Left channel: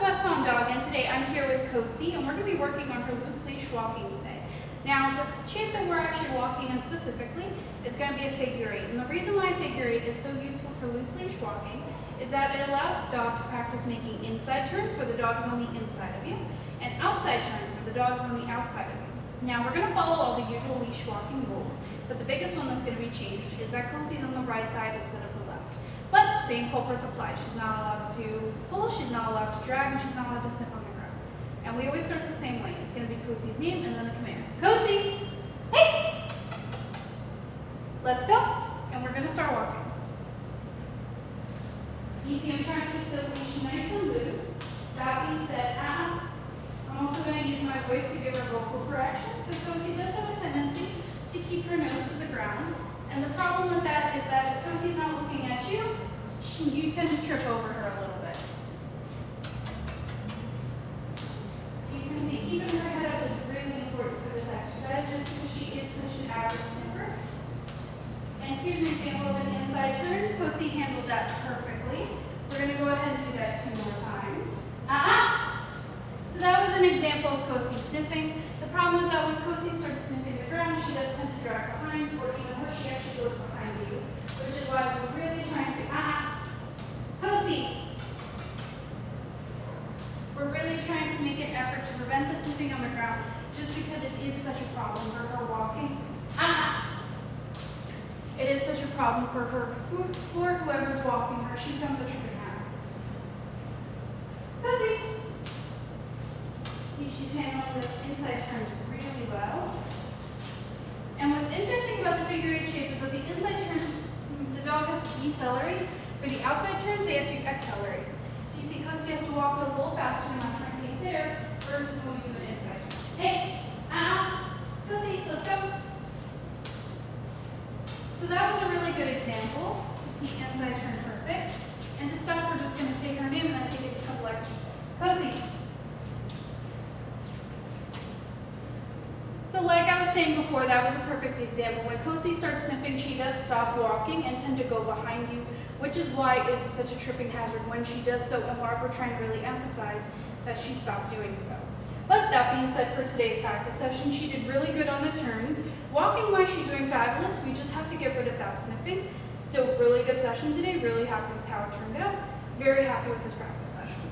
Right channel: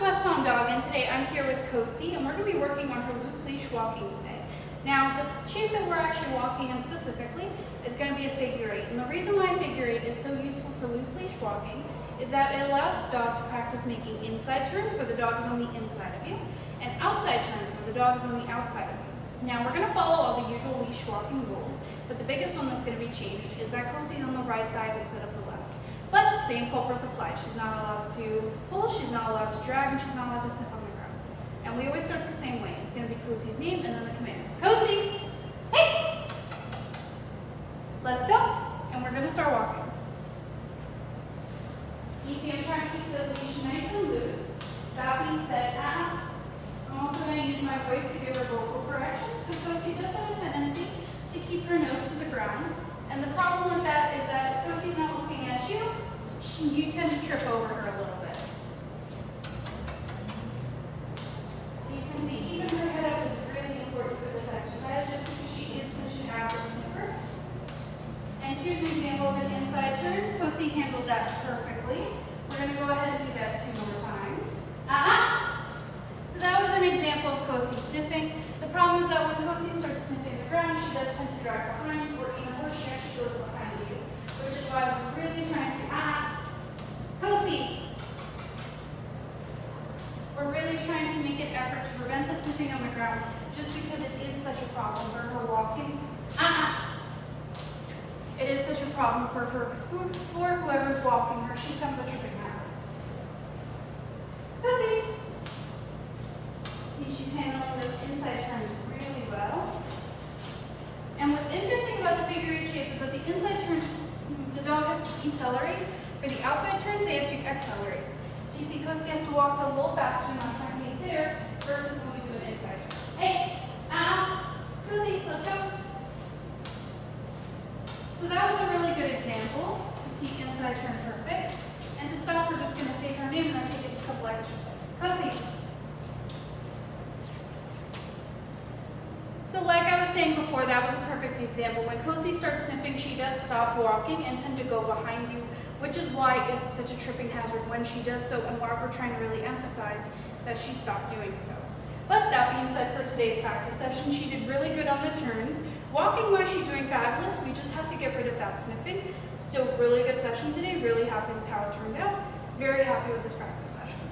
Westbound Dog, and today I'm here with Cosi, and we're going to be working on her loose leash walking today. Now, this shape that we're actually walking in specifically is going to be a figure eight, and the reason why a figure eight is so useful for loose leash walking is that it allows the dog to practice making inside turns where the dog is on the inside of you, and outside turns where the dog is on the outside of you. Now, we're going to follow all the usual leash walking rules, but the biggest one that's going to be changed is that Cosi's on the right side instead of the left. But same culprits apply. She's not allowed to pull, she's not allowed to drag, and she's not allowed to sniff on the ground. And we always start the same way. It's going to be Cosi's name and then the command. Cosi, hey! Let's go. And we're going to start walking. You see I'm trying to keep the leash nice and loose. That being said, I'm also going to use my voice to give her vocal corrections because Cosi does have a tendency to keep her nose to the ground. And the problem with that is that if Cosi's not looking at you, you tend to trip over her a little bit. So you can see, keeping her head up is really important for this exercise just because she is such an average sniffer. And here's an example of an inside turn. Cosi handled that perfectly. We're going to go ahead and do that 2 more times. So that was an example of Cosi sniffing. The problem is that when Cosi starts sniffing the ground, she does tend to drag behind, or even worse, she actually goes behind you, which is why we're really trying to, Cosi! We're really trying to make an effort to prevent the sniffing on the ground, just because it is such a problem for her walking. It is such a problem for her, for whoever's walking her. She becomes a tripping hazard. Cosi! See, she's handling those inside turns really well. And what's interesting about the figure eight shape is that the inside turns, the dog has to decelerate. For the outside turns, they have to accelerate. So you see Cosi has to walk a little faster and not trying to pace there versus when we do an inside turn. Hey, Cosi, let's go. So that was a really good example. You see inside turn perfect. And to stop, we're just going to say her name and then take a couple extra steps. Cosi. So like I was saying before, that was a perfect example. When Cosi starts sniffing, she does stop walking and tend to go behind you, which is why it's such a tripping hazard when she does so, and why we're trying to really emphasize that she stopped doing so. But that being said, for today's practice session, she did really good on the turns. Walking-wise, she's doing fabulous. We just have to get rid of that sniffing. Still really good session today. Really happy with how it turned out. Very happy with this practice session.